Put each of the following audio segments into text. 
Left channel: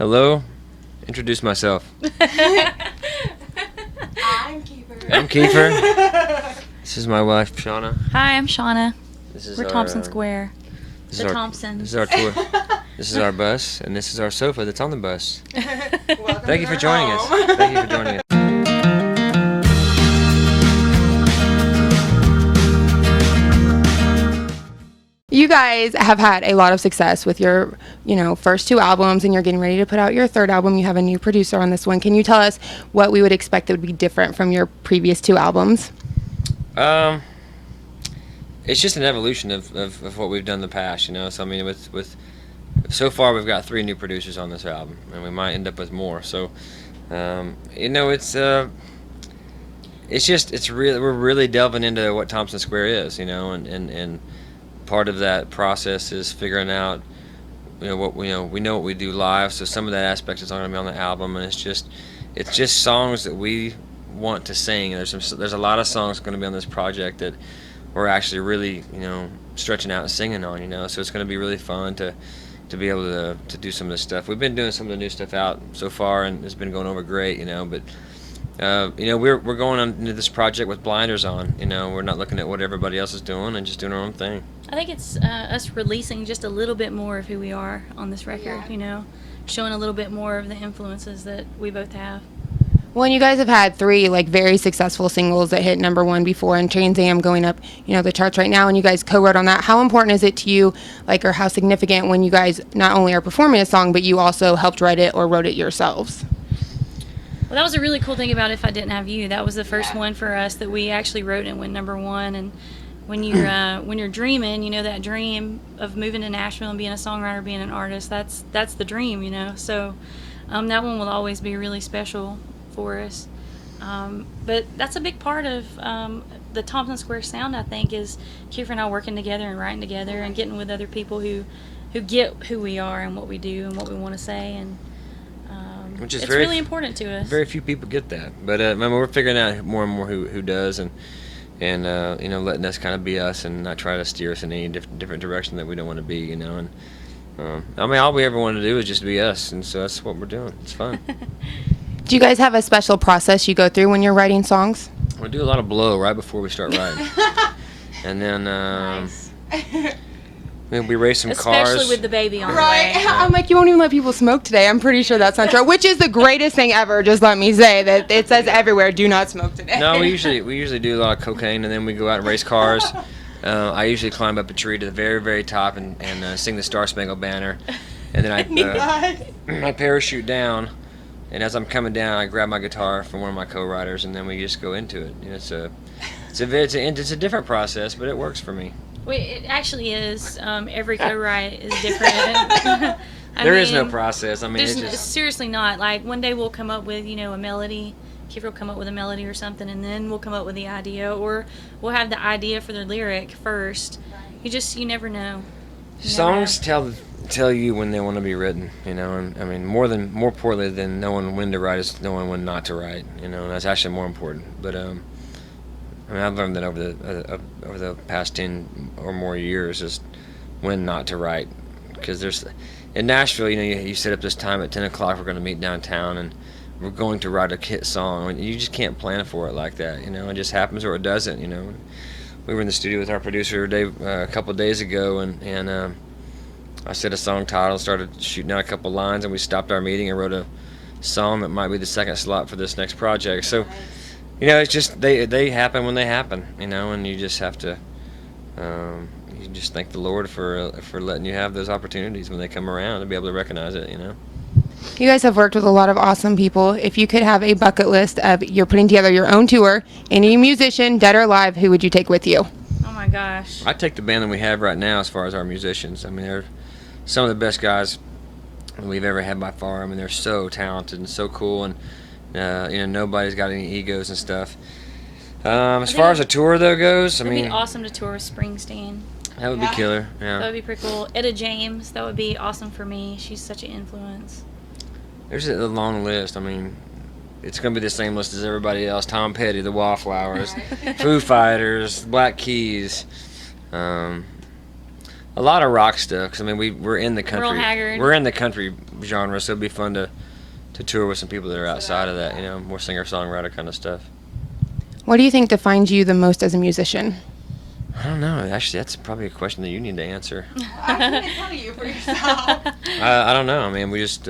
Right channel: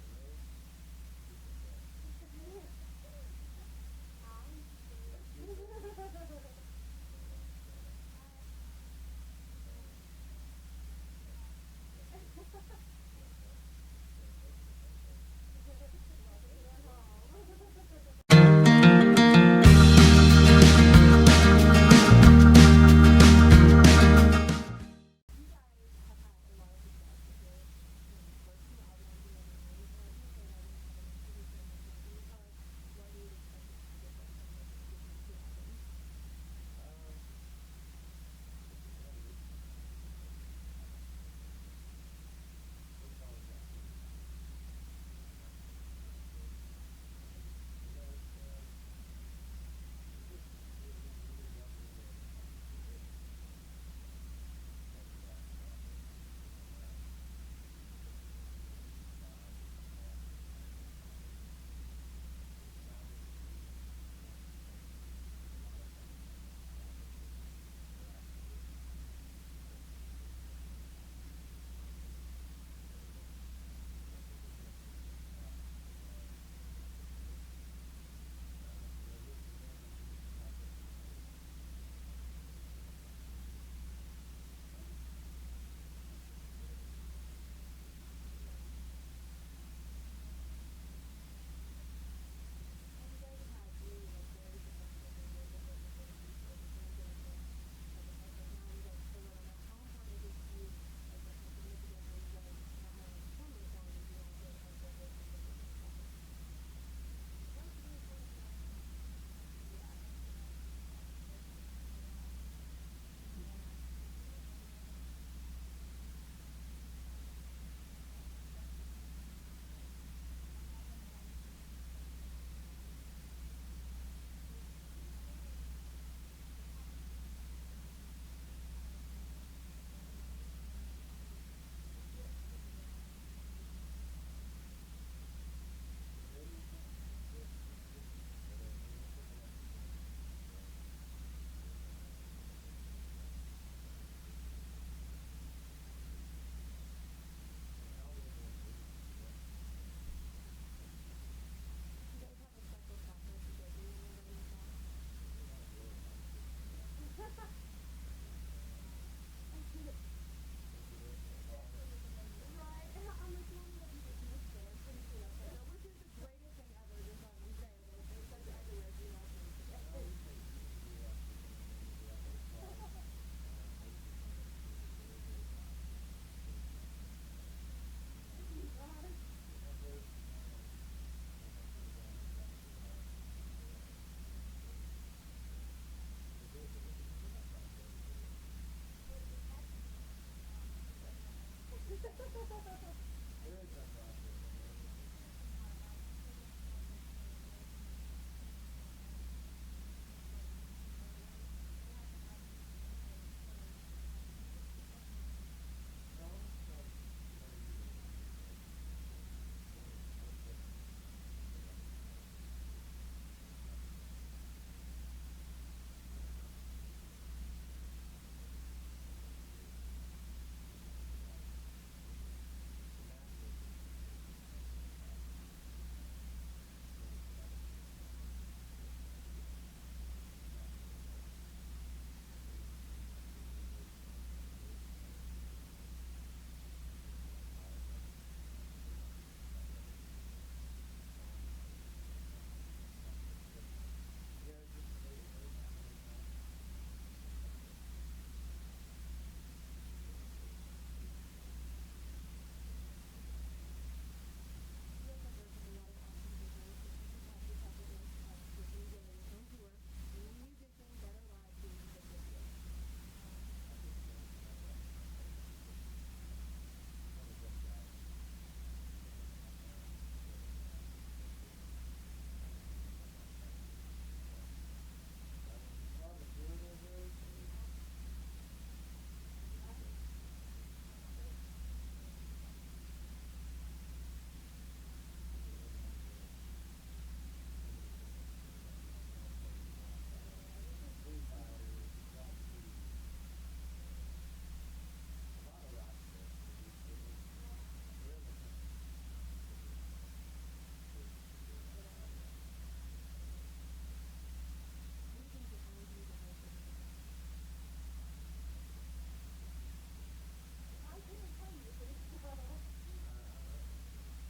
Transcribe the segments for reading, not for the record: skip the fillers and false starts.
Hello. Introduce myself. I'm Keifer. I'm Keifer. This is my wife, Shauna. Hi, I'm Shauna. We're Thompson Square. This The is our, Thompson. This is our tour. This is our bus, and this is our sofa that's on the bus. Welcome Thank you to for joining our us. home. Thank you for joining us. You guys have had a lot of success with your, first two albums, and you're getting ready to put out your third album. You have a new producer on this one. Can you tell us what we would expect that would be different from your previous two albums? It's just an evolution of what we've done in the past, So I mean, with so far we've got 3 new producers on this album, and we might end up with more. So, we're really delving into what Thompson Square is, and part of that process is figuring out, we know what we do live. So some of that aspect is not going to be on the album, and it's just songs that we want to sing. There's a lot of songs going to be on this project that we're actually really stretching out and singing on. So it's going to be really fun to be able to do some of this stuff. We've been doing some of the new stuff out so far, and it's been going over great. But we're going on into this project with blinders on. We're not looking at what everybody else is doing and just doing our own thing. I think it's us releasing just a little bit more of who we are on this record, showing a little bit more of the influences that we both have. Well, and you guys have had 3 very successful singles that hit #1 before, and Trans Am going up, the charts right now, and you guys co-wrote on that. How important is it to you, or how significant when you guys not only are performing a song, but you also helped write it or wrote it yourselves? Well, that was a really cool thing about If I Didn't Have You. That was the first one for us that we actually wrote and went #1. And when you're dreaming, that dream of moving to Nashville and being a songwriter, being an artist, that's the dream, So that one will always be really special for us. But that's a big part of the Thompson Square sound, I think, is Keifer and I working together and writing together and getting with other people who get who we are and what we do and what we want to say, and Which is it's really important to us. Very few people get that, but we're figuring out more and more who does, and letting us kind of be us and not try to steer us in any different direction that we don't want to be, and all we ever want to do is just be us, and so that's what we're doing. It's fun. Do you guys have a special process you go through when you're writing songs? We do a lot of blow right before we start writing, and then Nice. we race some cars. Especially with the baby on Right. the way. I'm like, you won't even let people smoke today. I'm pretty sure that's not true. Which is the greatest thing ever. Just let me say that it says everywhere, do not smoke today. No, we usually do a lot of cocaine, and then we go out and race cars. I usually climb up a tree to the very, very top and sing the Star Spangled Banner, and then I parachute down, and as I'm coming down, I grab my guitar from one of my co-writers, and then we just go into it. It's a different process, but it works for me. Well, it actually is. Every co-write is different. There is no process. There's it's just seriously not. Like, one day we'll come up with, a melody. Keifer will come up with a melody or something, and then we'll come up with the idea, or we'll have the idea for the lyric first. You never know. songs tell you when they want to be written, and more importantly than knowing when to write is knowing when not to write, and that's actually more important. But I've learned that over the past 10 or more years is when not to write, because in Nashville, you set up this time at 10 o'clock. We're going to meet downtown, and we're going to write a hit song. You just can't plan for it like that, It just happens or it doesn't, We were in the studio with our producer a couple of days ago, and I said a song title, started shooting out a couple lines, and we stopped our meeting and wrote a song that might be the second slot for this next project. So. It's just they happen when they happen, and you just have to you just thank the Lord for letting you have those opportunities when they come around to be able to recognize it, You guys have worked with a lot of awesome people. If you could have a bucket list of you're putting together your own tour, any musician, dead or alive, who would you take with you? Oh my gosh. I take the band that we have right now as far as our musicians. They're some of the best guys we've ever had by far. They're so talented and so cool, and nobody's got any egos and stuff. As far as a tour though goes, It'd be awesome to tour with Springsteen. That would be killer. Yeah. That would be pretty cool. Etta James, that would be awesome for me. She's such an influence. There's a long list. It's going to be the same list as everybody else. Tom Petty, the Wallflowers, Foo Fighters, Black Keys. A lot of rock stuff, 'cause I mean we're in the country. Merle Haggard. We're in the country genre, so it'd be fun to tour with some people that are outside of that, more singer-songwriter kind of stuff. What do you think defines you the most as a musician? I don't know. Actually, that's probably a question that you need to answer. I couldn't tell you for yourself. I don't know. I mean, we just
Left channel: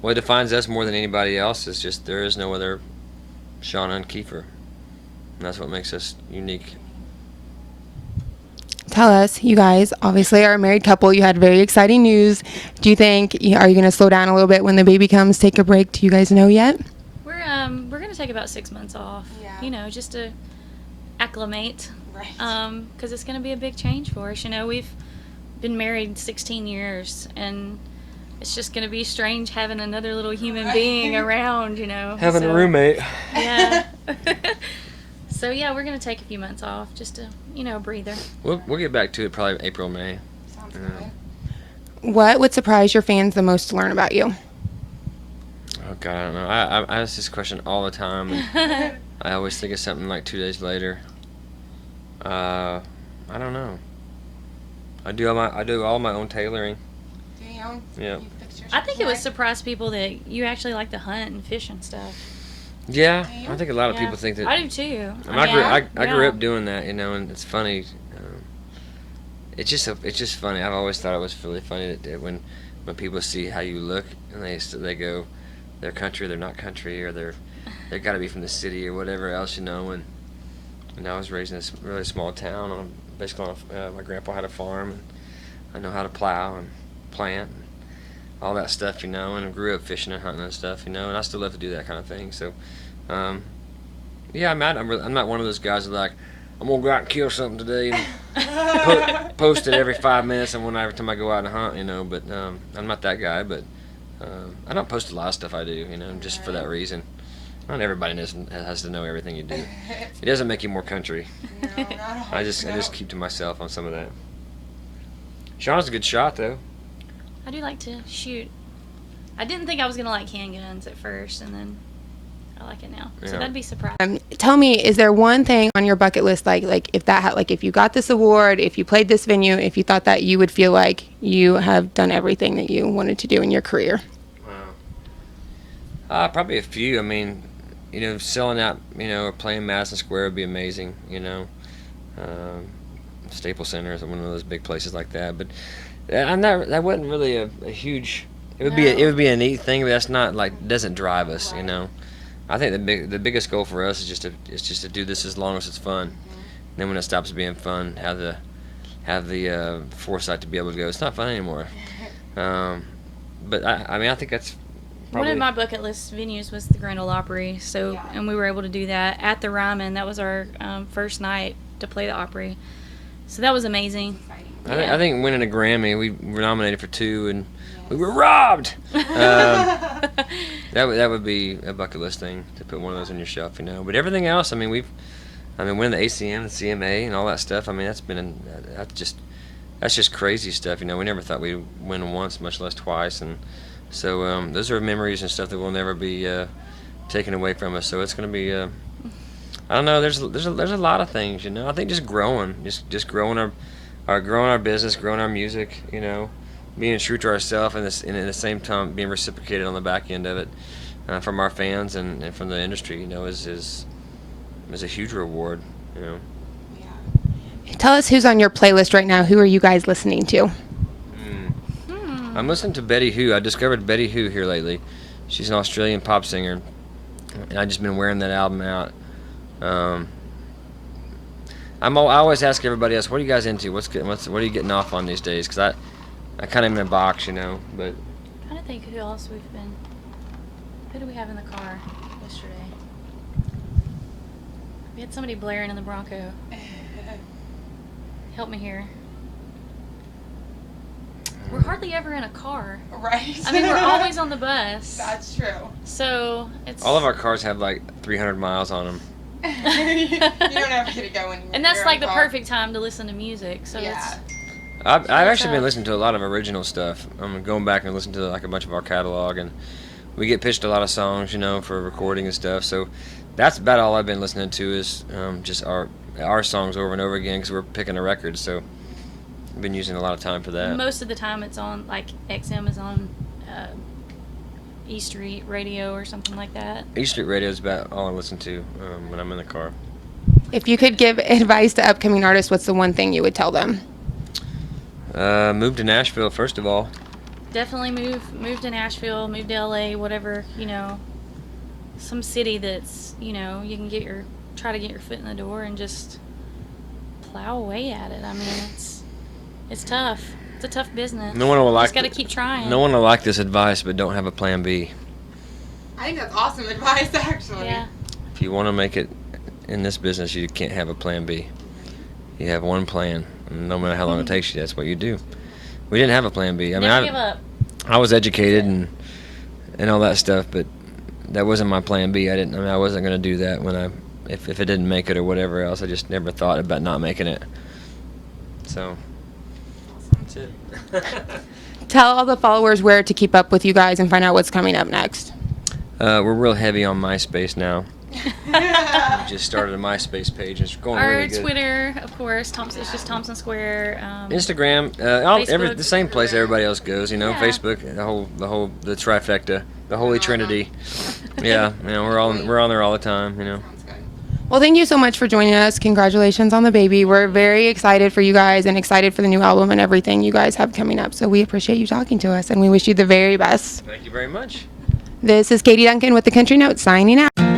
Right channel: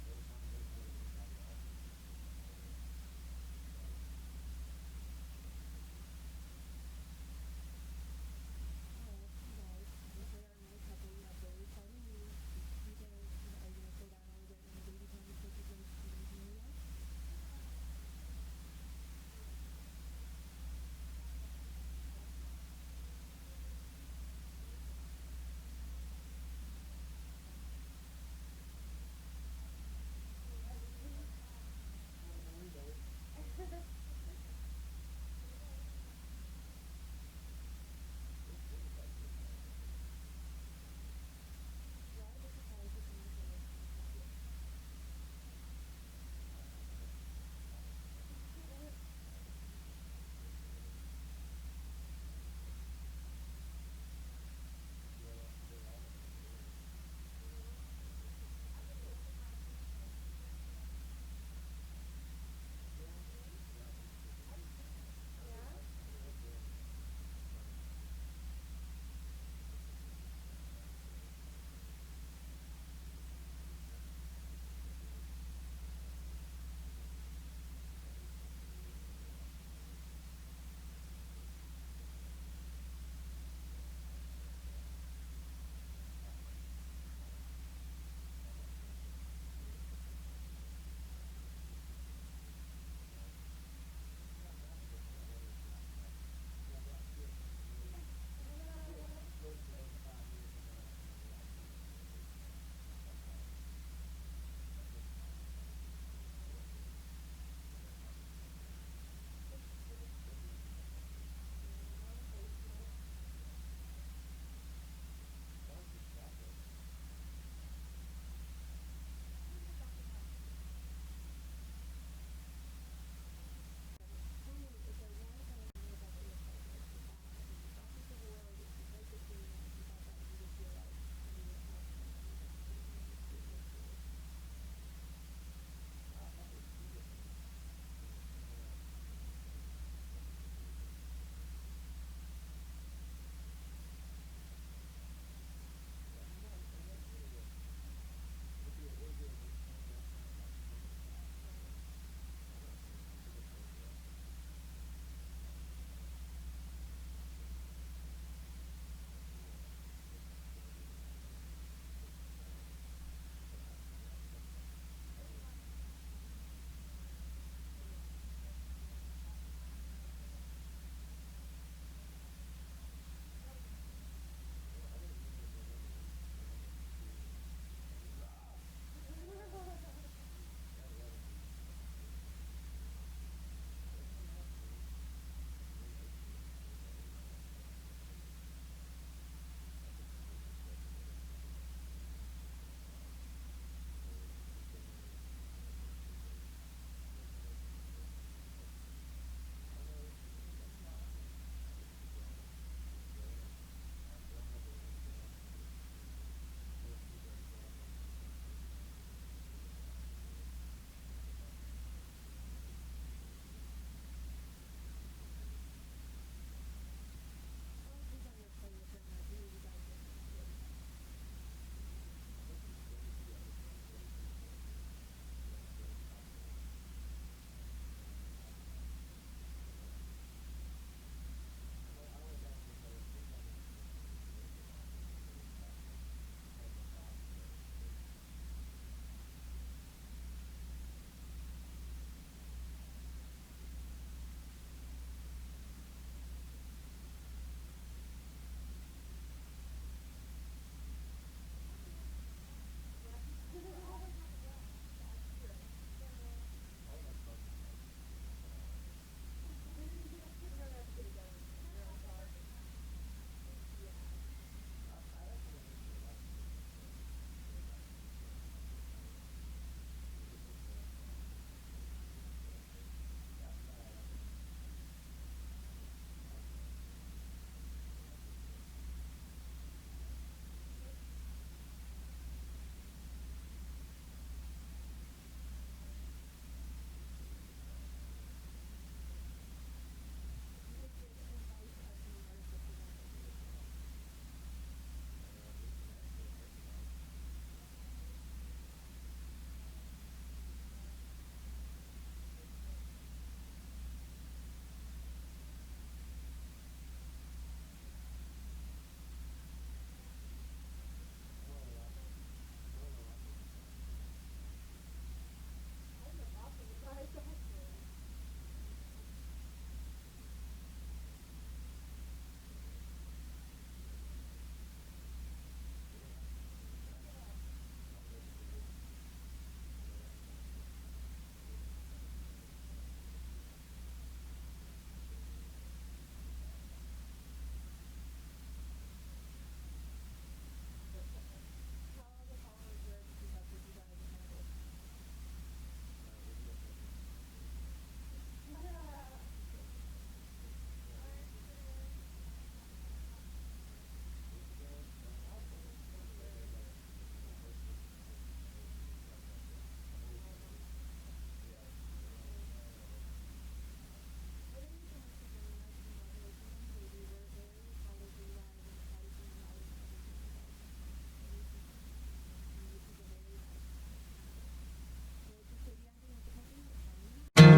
what defines us more than anybody else is just there is no other Shauna and Keifer. And that's what makes us unique. Tell us, you guys obviously are a married couple. You had very exciting news. Do you think, are you going to slow down a little bit when the baby comes, take a break? Do you guys know yet? We're gonna take about 6 months off. Yeah. Just to acclimate. Right. Because it's gonna be a big change for us. We've been married 16 years, and it's just gonna be strange having another little human being around. Having So, a roommate. Yeah. So yeah, we're gonna take a few months off just to, breather. We'll get back to it probably April, May. Sounds Yeah. good. What would surprise your fans the most to learn about you? Oh God, I don't know. I ask this question all the time, and I always think of something like 2 days later. I don't know. I do all my own tailoring. Damn. Yeah. You fixed your I think it would right? surprise people that you actually like to hunt and fish and stuff. Yeah, Yeah. I think a lot of Yeah. people think that. I do too. I grew yeah. up doing that, and it's funny. It's just funny. I've always thought it was really funny that when people see how you look and they go, they're country, they're not country, or they got to be from the city or whatever else, And I was raised in this really small town. My grandpa had a farm, and I know how to plow and plant, and all that stuff, And I grew up fishing and hunting and stuff, And I still love to do that kind of thing. So, yeah, I'm not one of those guys that like, I'm gonna go out and kill something today and post it every 5 minutes and every time I go out and hunt, But I'm not that guy. But I don't post a lot of stuff I do, just for that reason. Not everybody has to know everything you do. It doesn't make you more country. No, not at all. I just keep to myself on some of that. Sean's a good shot though. I do like to shoot. I didn't think I was gonna like handguns at first, and then I like it now. So Yeah. that'd be surprising. Tell me, is there one thing on your bucket list, like if you got this award, if you played this venue, if you thought that you would feel like you have done everything that you wanted to do in your career? Wow. Probably a few. I mean, selling out, or playing Madison Square would be amazing. Staples Center is one of those big places like that. But that wasn't really a huge. It would be a neat thing, but that's not doesn't drive us. I think the biggest goal for us is just to do this as long as it's fun. And then when it stops being fun, have the foresight to be able to go, it's not fun anymore. But I think that's probably One of my bucket list venues was the Grand Ole Opry. So, Yeah. and we were able to do that at the Ryman. That was our first night to play the Opry. So that was amazing. I think winning a Grammy, we were nominated for 2, and we were robbed. That would be a bucket list thing to put one of those on your shelf, But everything else, winning the ACM, the CMA, and all that stuff. That's just crazy stuff. We never thought we'd win once, much less twice, and so those are memories and stuff that will never be taken away from us. So it's going to be. I don't know. There's a lot of things, I think just growing, just growing our business, growing our music, being true to ourselves, and at the same time being reciprocated on the back end of it from our fans and from the industry, is a huge reward, Tell us who's on your playlist right now. Who are you guys listening to? I'm listening to Betty Who. I discovered Betty Who here lately. She's an Australian pop singer, and I've just been wearing that album out. I always ask everybody else, what are you guys into? What are you getting off on these days? Because I kind of am in a box, But I'm trying to think who else we've been. Who do we have in the car yesterday? We had somebody blaring in the Bronco. Help me here. We're hardly ever in a car. Right. We're always on the bus. That's true. So it's all of our cars have 300 miles on them. You don't ever get to go anywhere. and that's You're like in the car. perfect time to listen to music. So Yeah. it's I've actually been tough. listening to a lot of original stuff. I'm going back and listening to a bunch of our catalog, and we get pitched a lot of songs, for recording and stuff. So that's about all I've been listening to is just our songs over and over again because we're picking a record. So been using a lot of time for that. Most of the time it's on, like, XM is on E Street Radio or something like that. E Street Radio is about all I listen to when I'm in the car. If you could give advice to upcoming artists, what's the one thing you would tell them? Move to Nashville, first of all. Definitely move to Nashville, move to LA, whatever, some city that's, you can try to get your foot in the door and just plow away at it. I mean, it's tough. It's a tough business. No one will like Just got to keep trying. No one will like this advice, but don't have a plan B. I think that's awesome advice, actually. Yeah. If you want to make it in this business, you can't have a plan B. You have one plan, and no matter how long it takes you, that's what you do. We didn't have a plan B. Never give up. I was educated and all that stuff, but that wasn't my plan B. I wasn't going to do that when if it didn't make it or whatever else. I just never thought about not making it. So that's it. Tell all the followers where to keep up with you guys and find out what's coming up next. We're real heavy on MySpace now. We just started a MySpace page. It's going Our really good. Twitter, of course, it's just Thompson Square. Instagram, Facebook. the same place everybody else goes. Yeah. Facebook, the trifecta, the Holy Trinity. Yeah, we're on there all the time. Sounds good. Well, thank you so much for joining us. Congratulations on the baby. We're very excited for you guys and excited for the new album and everything you guys have coming up. So we appreciate you talking to us, and we wish you the very best. Thank you very much. This is Katie Duncan with the Country Notes signing out.